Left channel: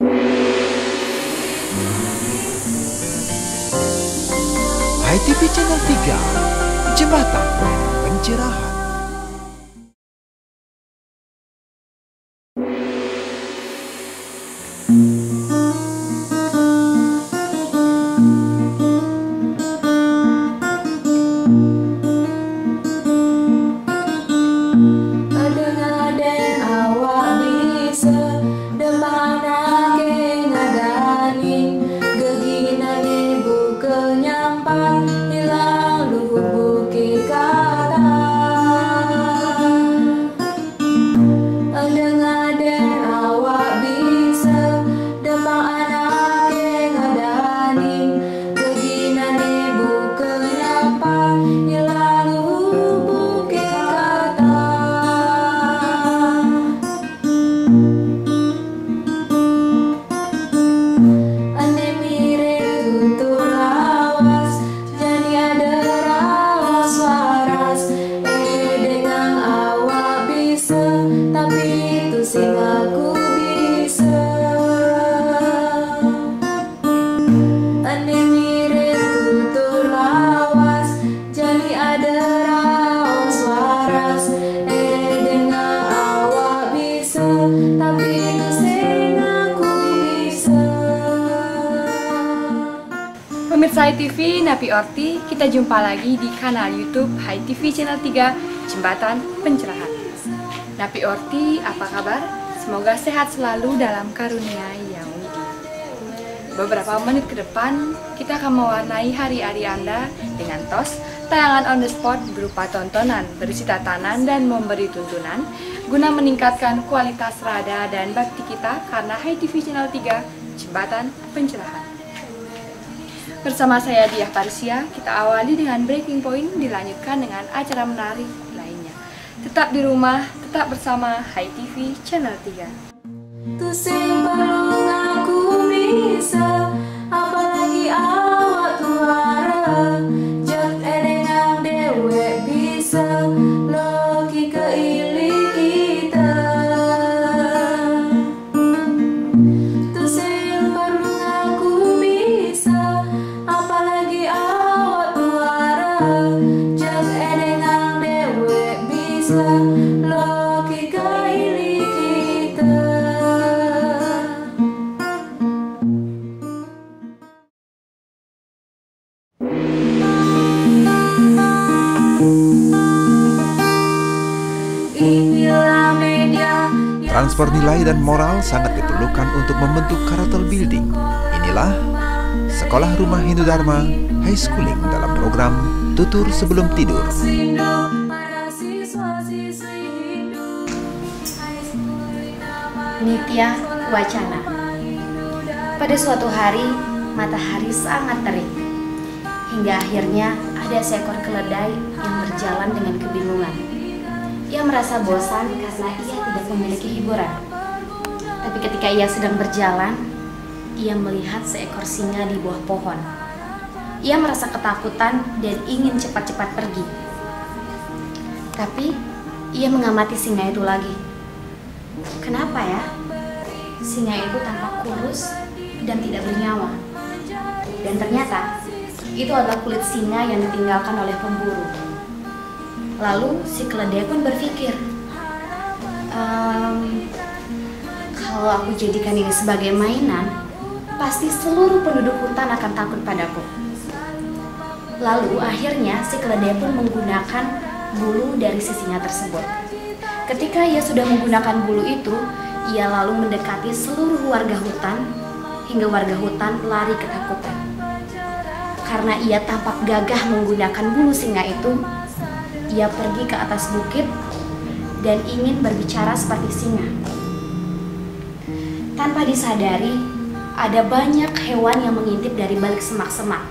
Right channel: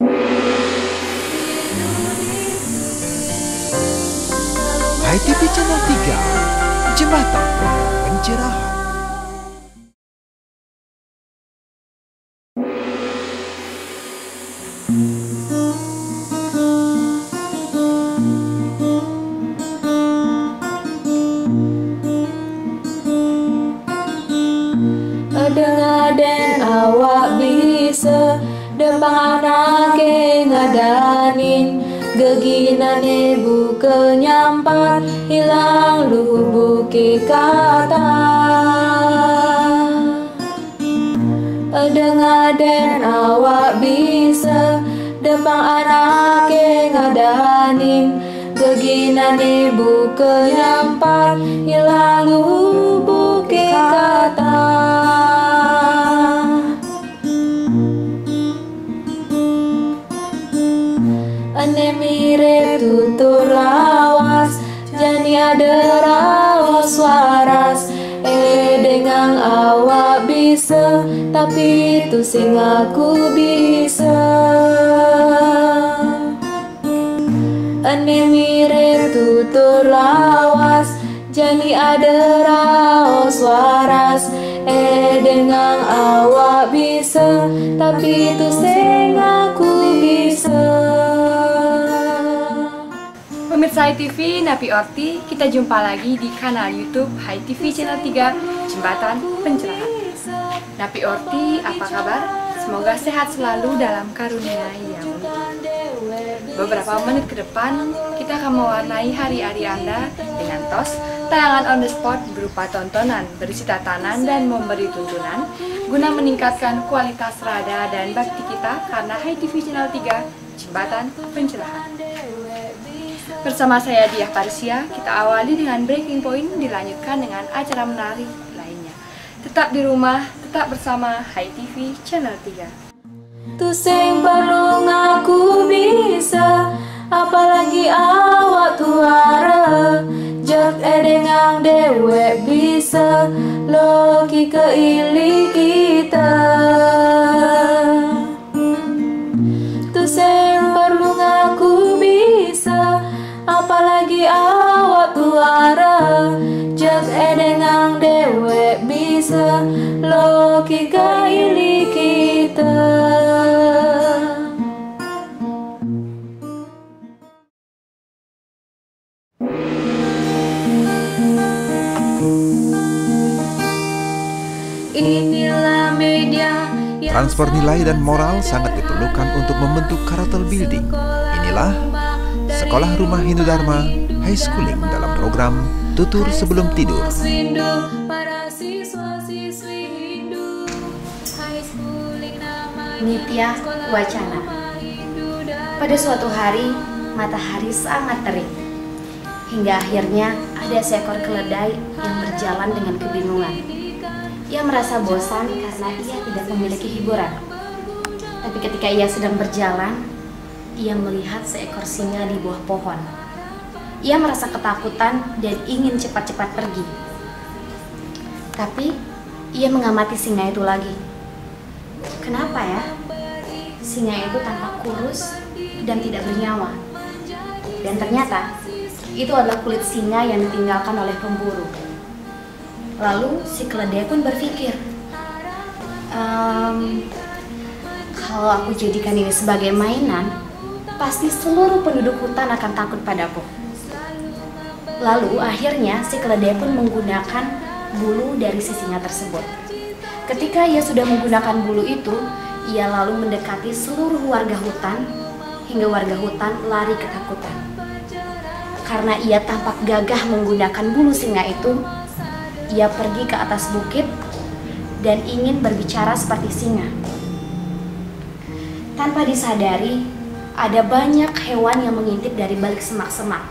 HiTV Channel 3, Jembatan Pencerahan. Aden awak bisa depan anake ngadanin geginane buka nyampan hilang luhur bukit kata. Aden awak bisa depan anake ngadanin geginane buka nyampan hilang luhur bukit kata. Tapi itu sing aku bisa. Ane mirip tutur lawas, jadi ada raos waras. Dengan awak bisa, tapi itu sing aku bisa. Pemirsa HiTV, Napi Orti, kita jumpa lagi di kanal YouTube HiTV Channel 3, Jembatan Pencerahan. Napi Orti, apa kabar? Semoga sehat selalu dalam karunia yang widi. Beberapa menit ke depan, kita akan mewarnai hari-hari Anda dengan TOS, tayangan on the spot berupa tontonan berisi tatanan dan memberi tuntunan, guna meningkatkan kualitas rada dan bakti kita karena HiTV Channel 3, Jembatan Pencerahan. Bersama saya Diah Parisia, kita awali dengan breaking point, dilanjutkan dengan acara menarik lainnya. Tetap di rumah, tetap bersama HiTV Channel 3. Tu sing perlu ngaku bisa, apalagi awak tuara. Jak dengan dewek bisa, loki keili kita. Tu sing perlu ngaku bisa, apalagi awak tuara. Jak dengan dewek bisa, logika ini kita. Inilah media Transfer nilai dan moral sangat diperlukan untuk membentuk karakter building. Inilah Sekolah Rumah Hindu Dharma High Schooling dalam program Tutur Sebelum Tidur. Nitya Wacana. Pada suatu hari, matahari sangat terik. Hingga akhirnya ada seekor keledai yang berjalan dengan kebingungan. Ia merasa bosan karena ia tidak memiliki hiburan. Tapi ketika ia sedang berjalan, ia melihat seekor singa di bawah pohon. Ia merasa ketakutan dan ingin cepat-cepat pergi. Tapi ia mengamati singa itu lagi. Kenapa ya? Singa itu tampak kurus dan tidak bernyawa. Dan ternyata itu adalah kulit singa yang ditinggalkan oleh pemburu. Lalu si keledai pun berpikir, kalau aku jadikan ini sebagai mainan, pasti seluruh penduduk hutan akan takut padaku. Lalu akhirnya si keledai pun menggunakan bulu dari si singa tersebut. Ketika ia sudah menggunakan bulu itu, ia lalu mendekati seluruh warga hutan hingga warga hutan lari ketakutan. Karena ia tampak gagah menggunakan bulu singa itu, ia pergi ke atas bukit dan ingin berbicara seperti singa. Tanpa disadari, ada banyak hewan yang mengintip dari balik semak-semak.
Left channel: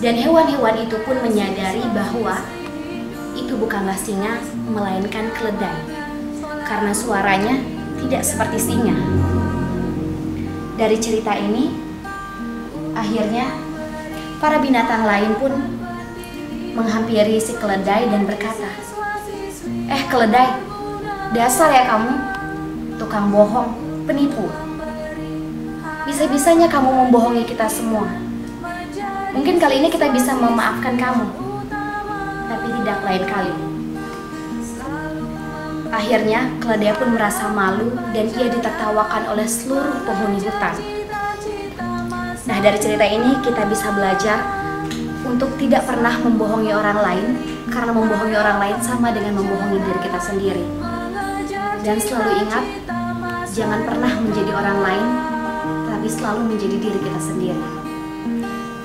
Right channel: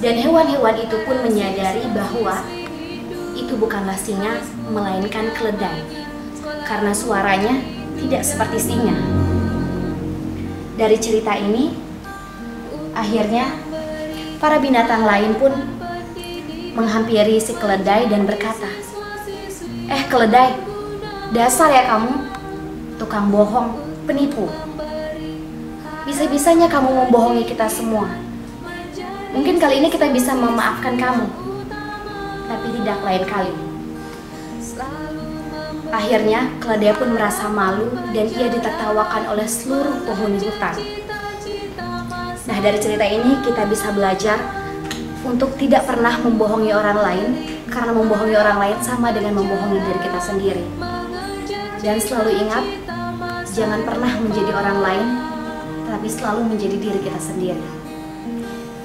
Dan hewan-hewan itu pun menyadari bahwa itu bukanlah singa, melainkan keledai. Karena suaranya tidak seperti singa. Dari cerita ini, akhirnya para binatang lain pun menghampiri si keledai dan berkata, "Keledai, dasar ya kamu, tukang bohong, penipu. Bisa-bisanya kamu membohongi kita semua. Mungkin kali ini kita bisa memaafkan kamu, tapi tidak lain kali. Akhirnya, keledai pun merasa malu dan ia ditertawakan oleh seluruh penghuni hutan. Nah, dari cerita ini kita bisa belajar untuk tidak pernah membohongi orang lain, karena membohongi orang lain sama dengan membohongi diri kita sendiri. Dan selalu ingat, jangan pernah menjadi orang lain, tapi selalu menjadi diri kita sendiri.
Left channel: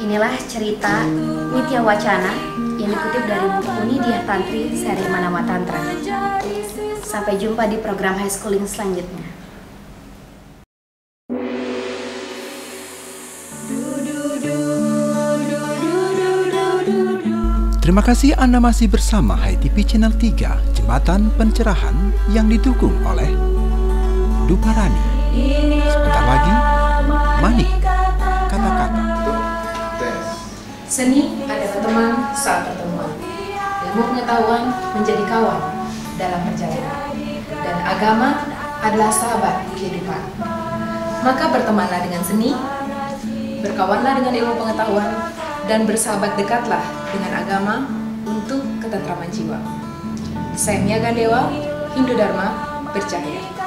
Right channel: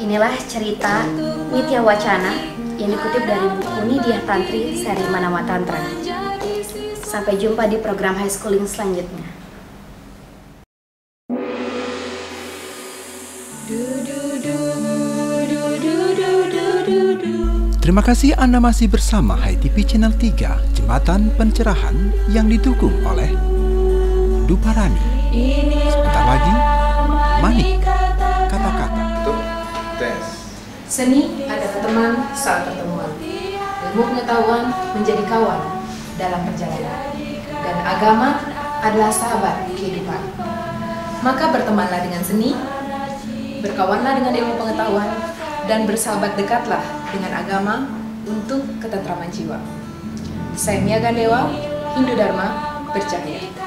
Inilah cerita Nitya Wacana yang dikutip dari buku Nidya Tantri seri Manawa Tantra. Sampai jumpa di program high schooling selanjutnya. Terima kasih Anda masih bersama HiTV Channel 3, Jembatan Pencerahan yang didukung oleh Duparani. Sebentar lagi, Manik, kata-kata. Seni adalah teman saat pertemuan. Ilmu pengetahuan menjadi kawan dalam perjalanan. Dan agama adalah sahabat kehidupan. Maka bertemanlah dengan seni, berkawanlah dengan ilmu pengetahuan, dan bersahabat dekatlah dengan agama untuk ketentraman jiwa. Saya Mia Gandewa, Hindu Dharma Bercahaya.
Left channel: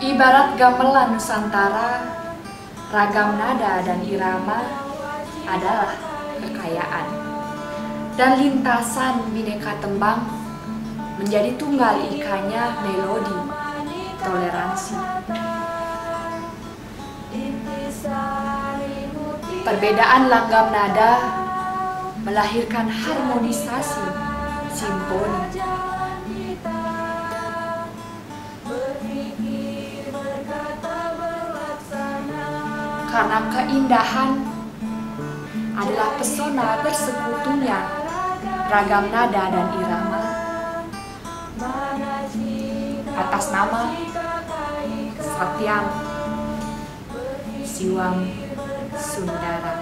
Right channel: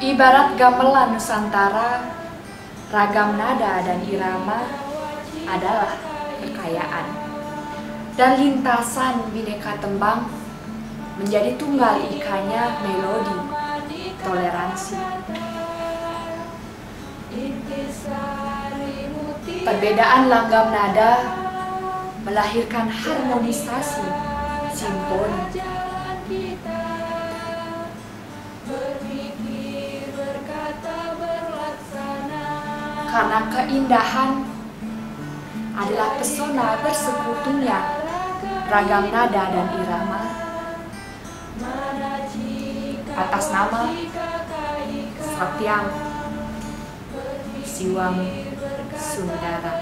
Ibarat gamelan Nusantara, ragam nada dan irama adalah kekayaan. Dan lintasan bineka tembang menjadi tunggal ikanya melodi, toleransi. Perbedaan langgam nada melahirkan harmonisasi simfoni. Karena keindahan adalah pesona bersekutunya ragam nada dan irama atas nama Satyam Siwam Sundara.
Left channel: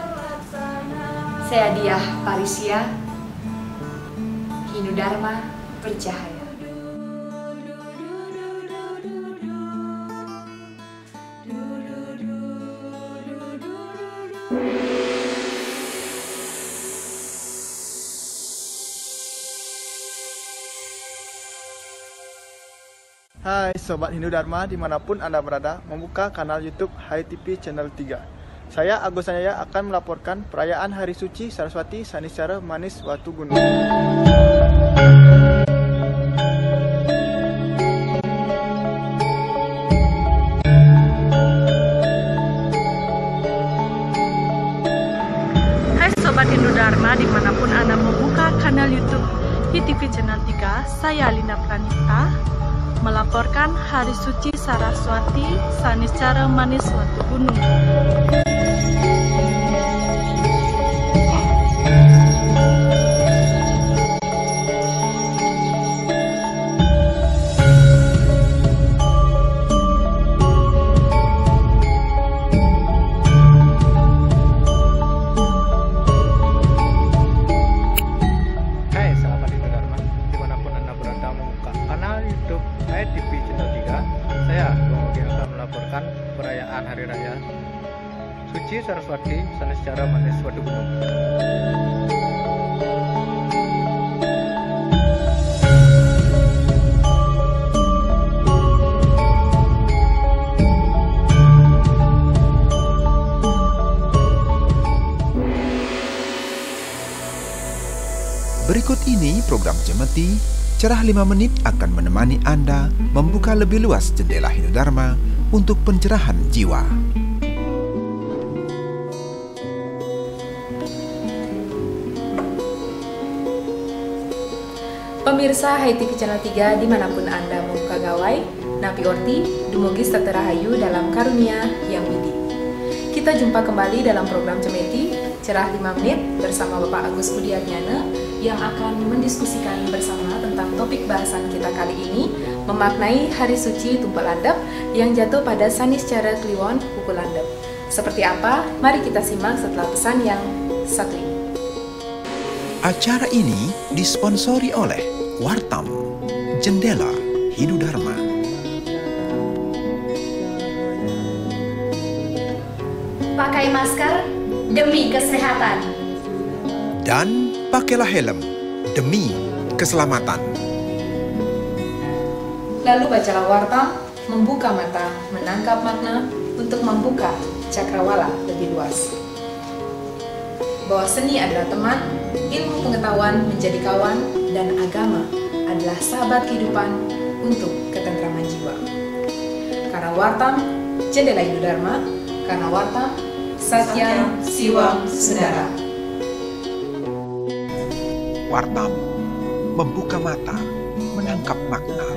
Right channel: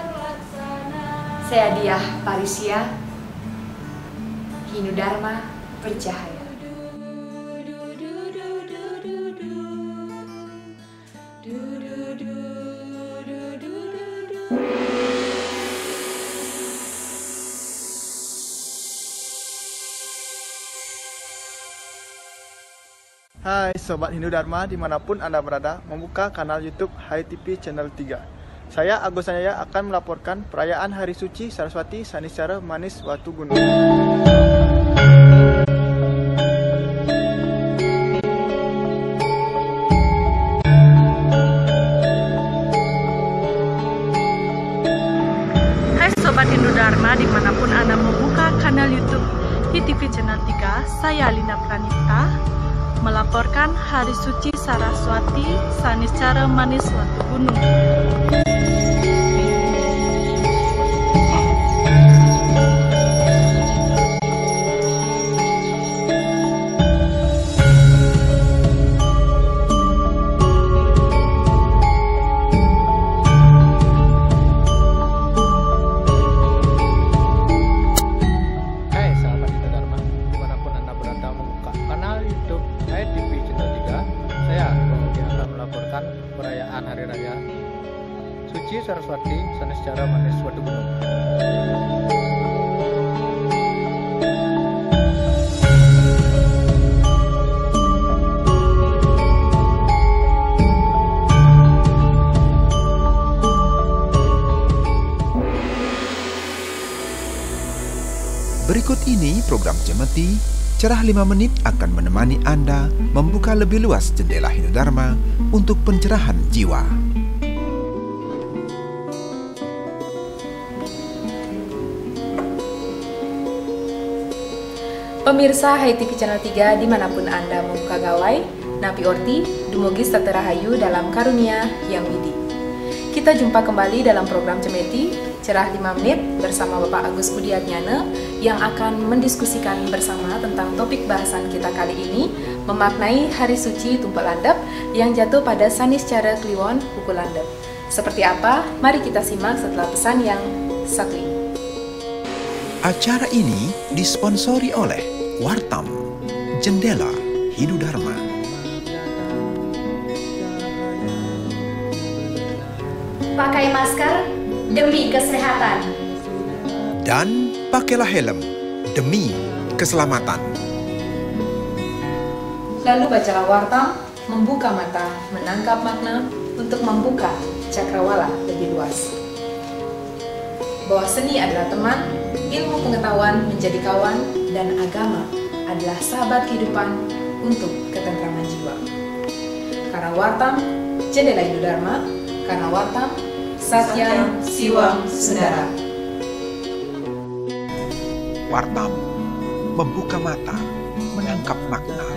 Saya Diah Parisia, Hindu Dharma Bercahaya. Hai Sobat Hindu Dharma dimanapun Anda berada, membuka kanal YouTube HiTV Channel 3. Saya Agus Sanjaya akan melaporkan perayaan Hari Suci Saraswati Saniscara Manis Watu Gunung. Hai Sobat Hindu Dharma dimanapun Anda membuka kanal YouTube HiTV Channel 3, saya Lina Pranipta melaporkan Hari Suci Saraswati Saniscara Manis Watu Gunung. Hai sahabat Hindu Dharma dimanapun Anda berada, membuka kanal YouTube HiTV Channel 3. Saya Bang akan melaporkan perayaan Hari Raya Suci Saraswati Saniscara Manis Watu Gunung. Berikut ini program Cemeti, Cerah 5 Menit akan menemani Anda membuka lebih luas jendela Hindu Dharma untuk pencerahan jiwa. Pemirsa HiTV Channel 3 dimanapun Anda membuka gawai, Napi Orti, dumugi Saterahayu dalam karunia yang widi. Kita jumpa kembali dalam program Cemeti, Cerah 5 Menit bersama Bapak Agus Budiarnyana yang akan mendiskusikan bersama tentang topik bahasan kita kali ini, memaknai Hari Suci Tumpal Landep yang jatuh pada Saniscara Kliwon Pukul Landep. Seperti apa? Mari kita simak setelah pesan yang satu ini. Acara ini disponsori oleh Wartam, Jendela Hidudharma. Pakai masker demi kesehatan. Dan pakailah helm demi keselamatan. Lalu bacalah Wartam, membuka mata, menangkap makna untuk membuka cakrawala lebih luas. Bahwa seni adalah teman, ilmu pengetahuan menjadi kawan, dan agama adalah sahabat kehidupan untuk ketentraman jiwa. Karena Wartam, Jendela Hidudharma, karena Wartam, Satyam Siwam Sundara. Wartam, membuka mata, menangkap makna.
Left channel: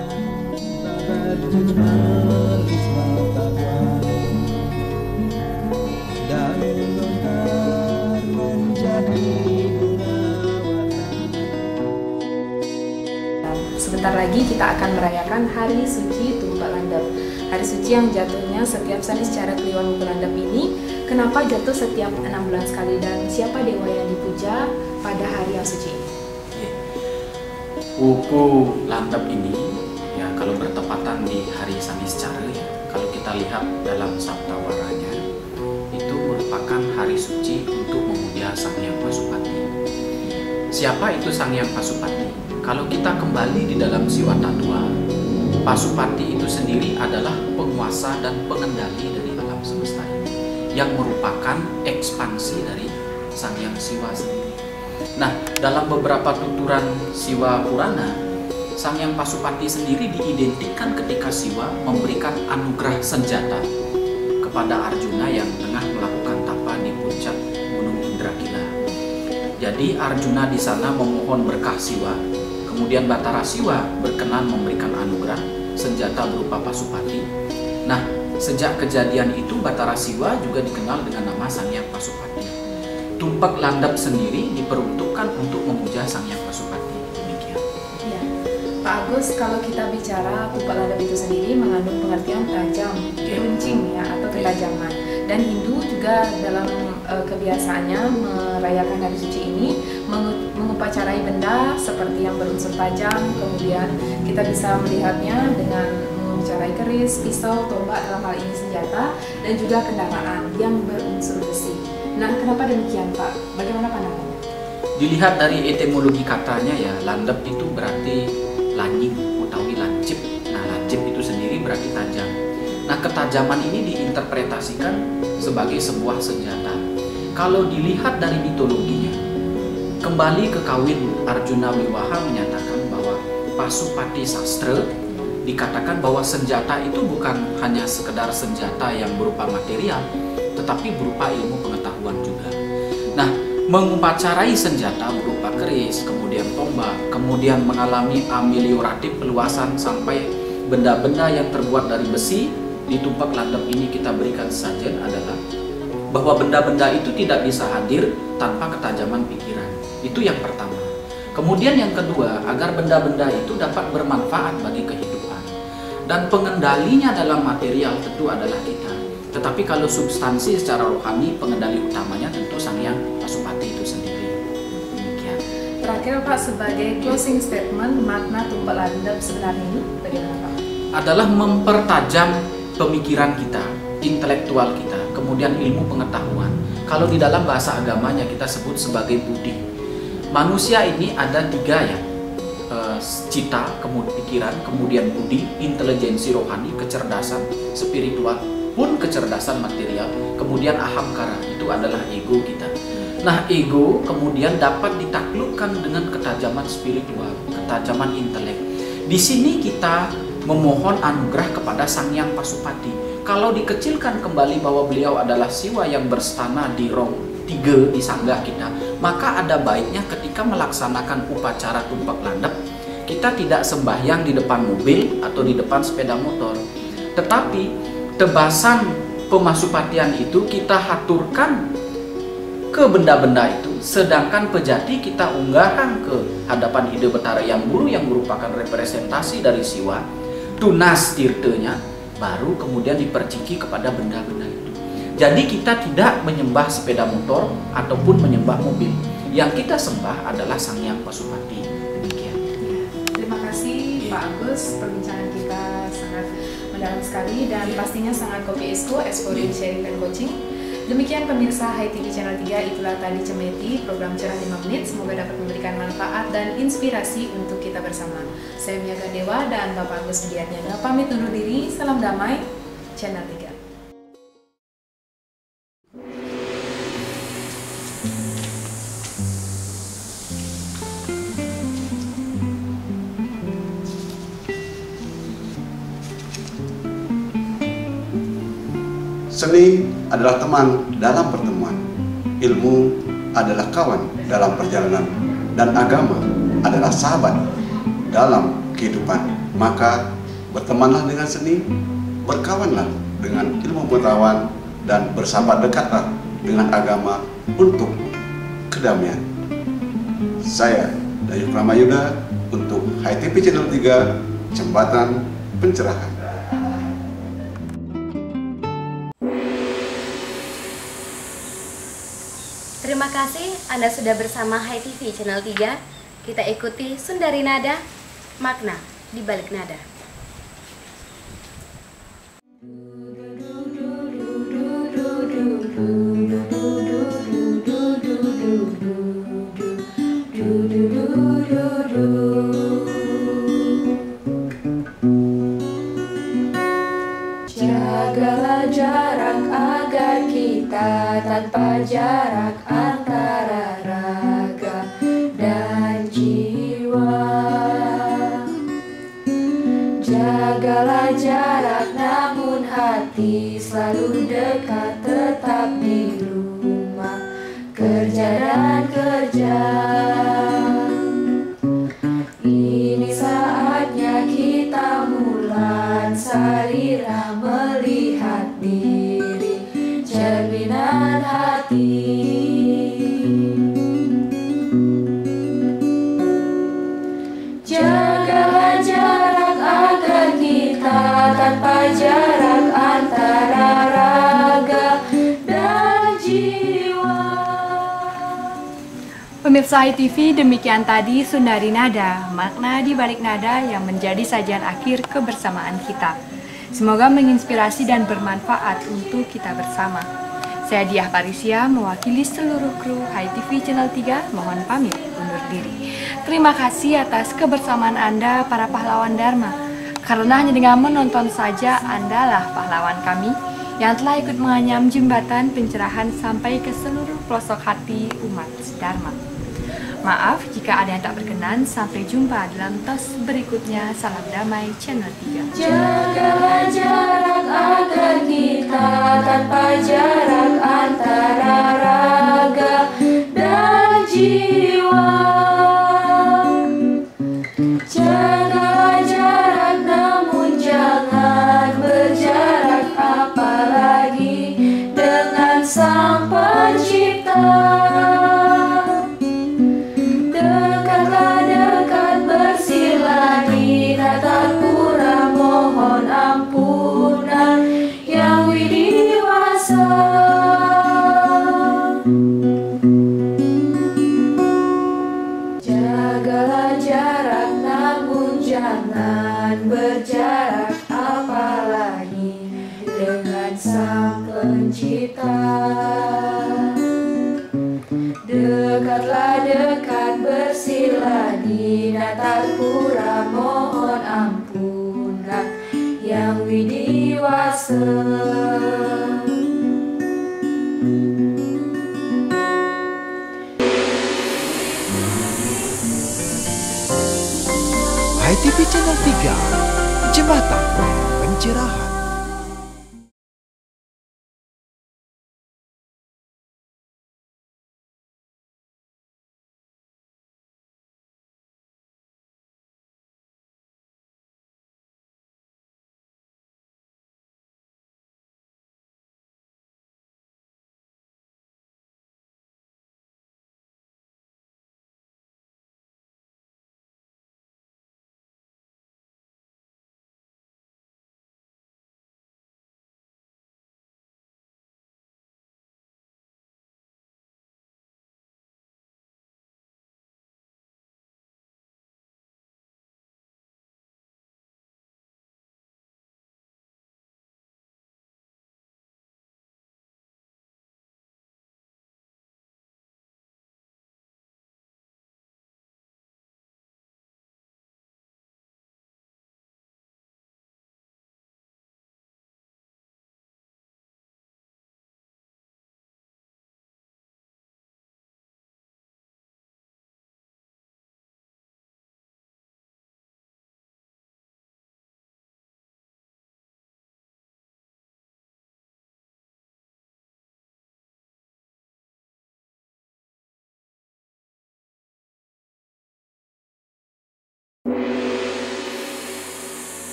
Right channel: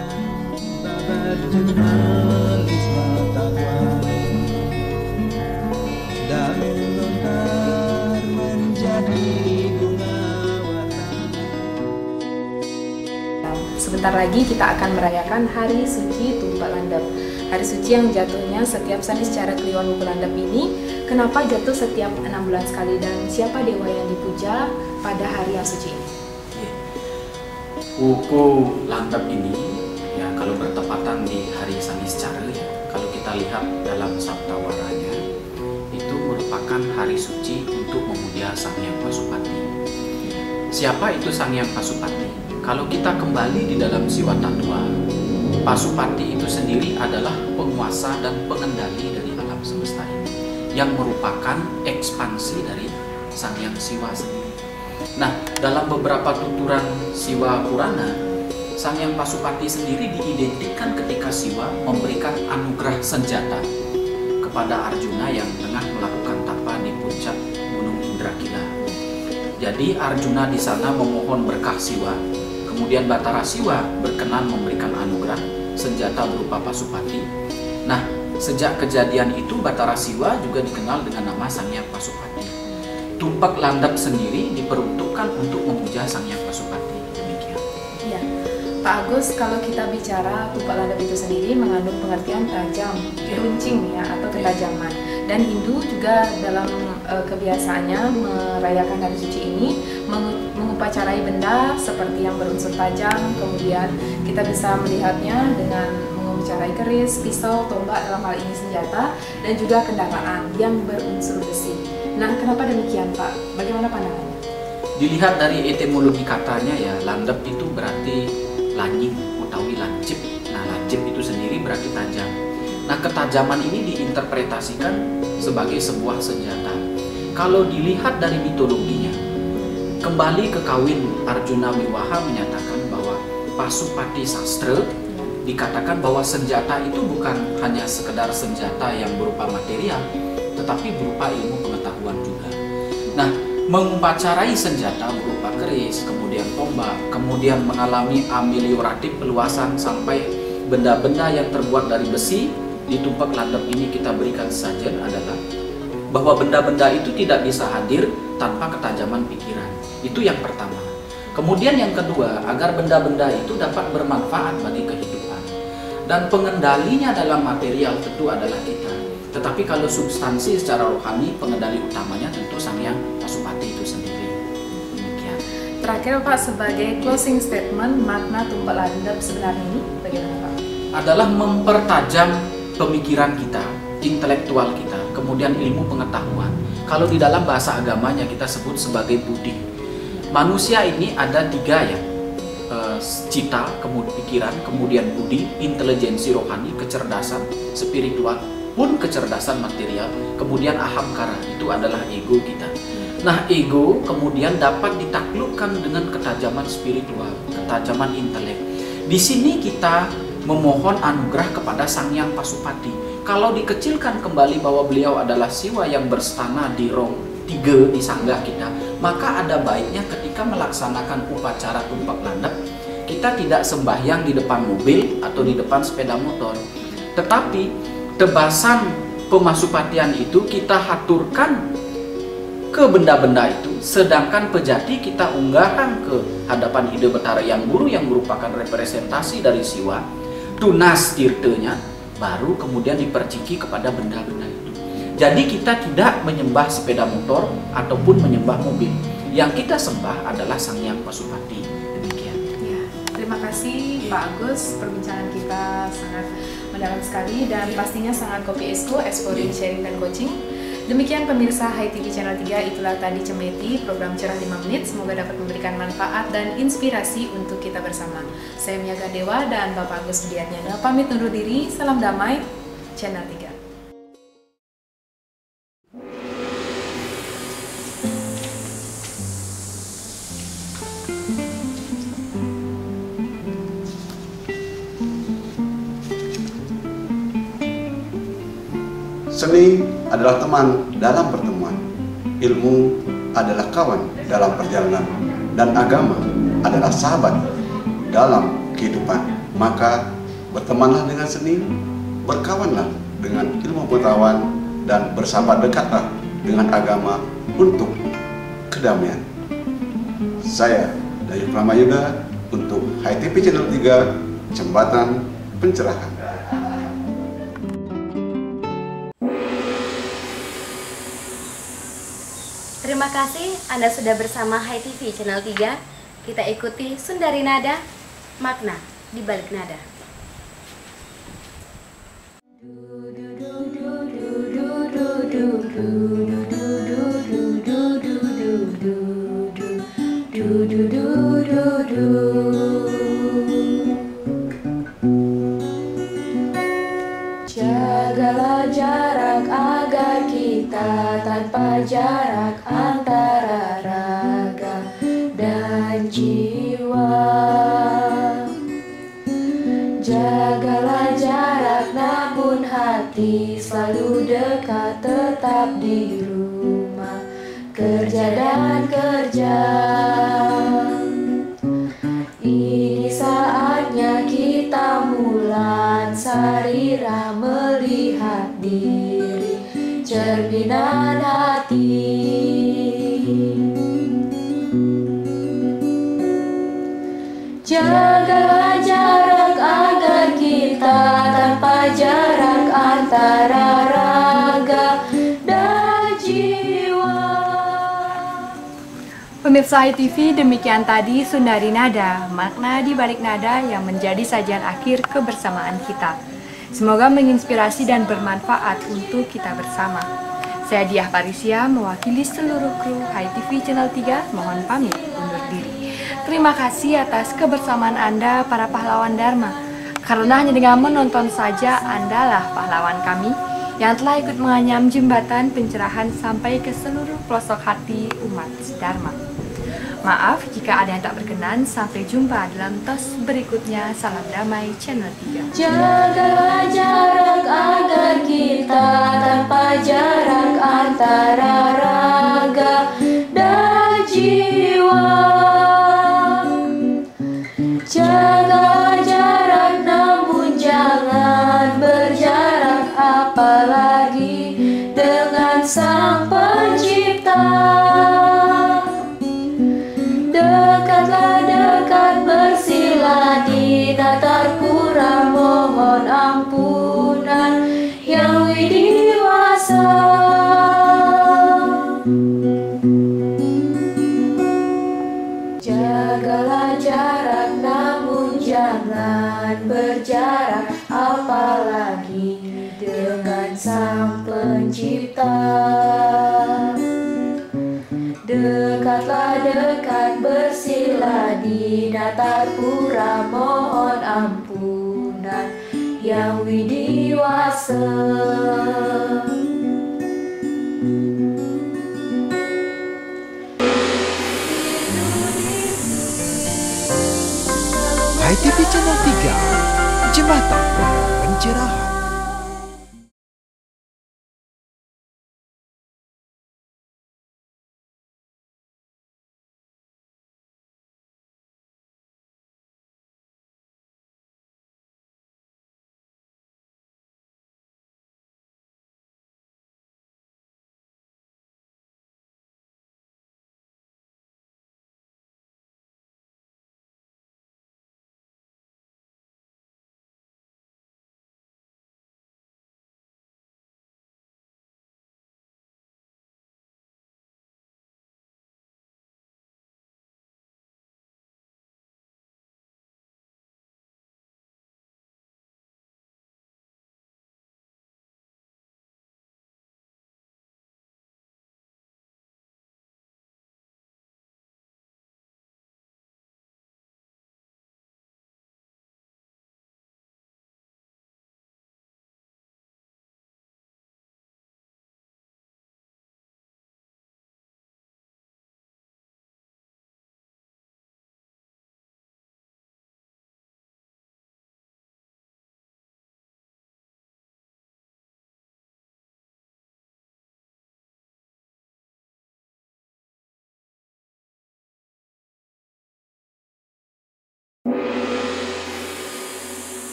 Sebentar lagi kita akan merayakan Hari Suci Tumpak Landep. Hari suci yang jatuhnya setiap Sanis Cara Kliwon Wuku Landep ini, kenapa jatuh setiap 6 bulan sekali dan siapa dewa yang dipuja pada hari yang suci ini? Wuku Landep ini ya kalau bertepatan di hari Sanis Cara ya, kalau kita lihat dalam Saptawaranya itu merupakan hari suci untuk memuja Sang Hyang Pasupati. Siapa itu Sang Hyang Pasupati? Kalau kita kembali di dalam Siwa Tattwa, Pasupati itu sendiri adalah penguasa dan pengendali dari alam semesta ini, yang merupakan ekspansi dari Sang Hyang Siwa sendiri. Nah, dalam beberapa tuturan Siwa Purana, Sang Hyang Pasupati sendiri diidentikan ketika Siwa memberikan anugerah senjata kepada Arjuna yang tengah melakukan tapa di puncak Gunung Indrakila. Jadi Arjuna di sana memohon berkah Siwa. Kemudian Batara Siwa berkenan memberikan anugerah senjata berupa Pasupati. Nah, sejak kejadian itu Batara Siwa juga dikenal dengan nama Sang Hyang Pasupati. Tumpak Landep sendiri diperuntukkan untuk memuja Sang Hyang Pasupati. Demikian. Ya, Pak Agus, kalau kita bicara Tumpak Landep itu sendiri mengandung pengertian tajam, runcing ya, atau ketajaman. Dan Hindu juga dalam kebiasaannya merayakan hari suci ini mengupacarai benda seperti yang berunsur tajam, kemudian kita bisa melihatnya dengan mengupacarai keris, pisau, tombak, dalam hal ini senjata, dan juga kendaraan yang berunsur besi. Nah, kenapa demikian Pak? Bagaimana pandangannya? Dilihat dari etimologi katanya ya, landep itu berarti lanying utawi lancip. Nah, lancip itu sendiri berarti tajam. Nah, ketajaman ini diinterpretasikan sebagai sebuah senjata. Kalau dilihat dari mitologinya, kembali ke kawin Arjuna Wiwaha menyatakan bahwa Pasupati Sastra dikatakan bahwa senjata itu bukan hanya sekedar senjata yang berupa material, tetapi berupa ilmu pengetahuan juga. Nah, mengupacarai senjata berupa keris, kemudian tombak, kemudian mengalami amelioratif peluasan sampai benda-benda yang terbuat dari besi. Di Tumpak Landep ini kita berikan sajian adalah bahwa benda-benda itu tidak bisa hadir tanpa ketajaman pikiran. Itu yang pertama. Kemudian yang kedua, agar benda-benda itu dapat bermanfaat bagi kehidupan. Dan pengendalinya dalam material tentu adalah kita. Tetapi kalau substansi secara rohani, pengendali utamanya tentu Sang Hyang Pasupati itu sendiri. Demikian. Terakhir Pak, sebagai closing statement, makna Tumpak Landep sebenarnya ini bagaimana Pak? Adalah mempertajam pemikiran kita, intelektual kita, kemudian ilmu pengetahuan. Kalau di dalam bahasa agamanya kita sebut sebagai budi. Manusia ini ada 3 ya, cita, kemudian pikiran, kemudian budi, intelijensi rohani, kecerdasan spiritual, pun kecerdasan material, kemudian ahamkara, itu adalah ego kita. Nah, ego kemudian dapat ditaklukkan dengan ketajaman spiritual, ketajaman intelek. Di sini kita memohon anugerah kepada Sang Hyang Pasupati. Kalau dikecilkan kembali bahwa beliau adalah Siwa yang berstana di rong 3 di sanggah kita, maka ada baiknya ketika melaksanakan upacara Tumpak Landep, kita tidak sembahyang di depan mobil atau di depan sepeda motor, tetapi tebasan pemasupatian itu kita haturkan ke benda-benda itu, sedangkan pejati kita unggahkan ke hadapan Ide Betara Yang Guru yang merupakan representasi dari Siwa, tunas tirtenya, baru kemudian diperciki kepada benda-benda itu. Jadi kita tidak menyembah sepeda motor ataupun menyembah mobil. Yang kita sembah adalah Sang Hyang Pasupati. Demikian. Ya, terima kasih Pak Agus, perbincangan kita sangat mendalam sekali dan pastinya sangat kopi exploring, sharing dan coaching. Demikian pemirsa HiTV Channel 3, itulah tadi Cemeti, program Cerah 5 Menit. Semoga dapat memberikan manfaat dan inspirasi untuk kita bersama. Saya Mia Gandewa dan Bapak Agus Budiatnyana pamit undur diri. Salam damai, Channel 3. Seni adalah teman dalam pertemuan, ilmu adalah kawan dalam perjalanan, dan agama adalah sahabat dalam kehidupan. Maka bertemanlah dengan seni, berkawanlah dengan ilmu pengetahuan, dan bersahabat dekatlah dengan agama untuk kedamaian. Saya Dayu Pramayuda untuk HiTV Channel 3, Jembatan Pencerahan. Terima kasih Anda sudah bersama HiTV Channel 3. Kita ikuti Sundari Nada, makna di balik nada. Jagalah jarak agar kita tanpa jarak antara raga dan jiwa. Jagalah jarak namun hati selalu dekat, tetap di rumah kerja dan kerja. Ini saatnya kita mulan sarira melihat diri, cerminan hati. Jaga jarak agar kita tanpa jarak antara raga dan jiwa. Pemirsa HiTV, demikian tadi Sundari Nada, makna di balik nada yang menjadi sajian akhir kebersamaan kita. Semoga menginspirasi dan bermanfaat untuk kita bersama. Saya Diah Parisia, mewakili seluruh kru HiTV Channel 3, mohon pamit undur diri. Terima kasih atas kebersamaan Anda, para pahlawan Dharma. Karena hanya dengan menonton saja Anda lah pahlawan kami yang telah ikut menganyam jembatan pencerahan sampai ke seluruh pelosok hati umat Dharma. Maaf jika ada yang tak berkenan. Sampai jumpa dalam tos berikutnya. Salam damai Channel 3. Jaga jarak agar kita tanpa jarak antara raga dan jiwa. Jaga jarak namun jangan berjarak, apalagi dengan Sang Pencipta. Dekatlah dekat bersila di tatapura, mohon ampunan yang widiwasa. Jagalah jarak namun jangan berjarak, apalagi dengan Sang Pencipta. Dekatlah dekat bersila di tatapura, mohon ampunan yang widiwasa. HiTV Channel 3, Jembatan Pencerahan.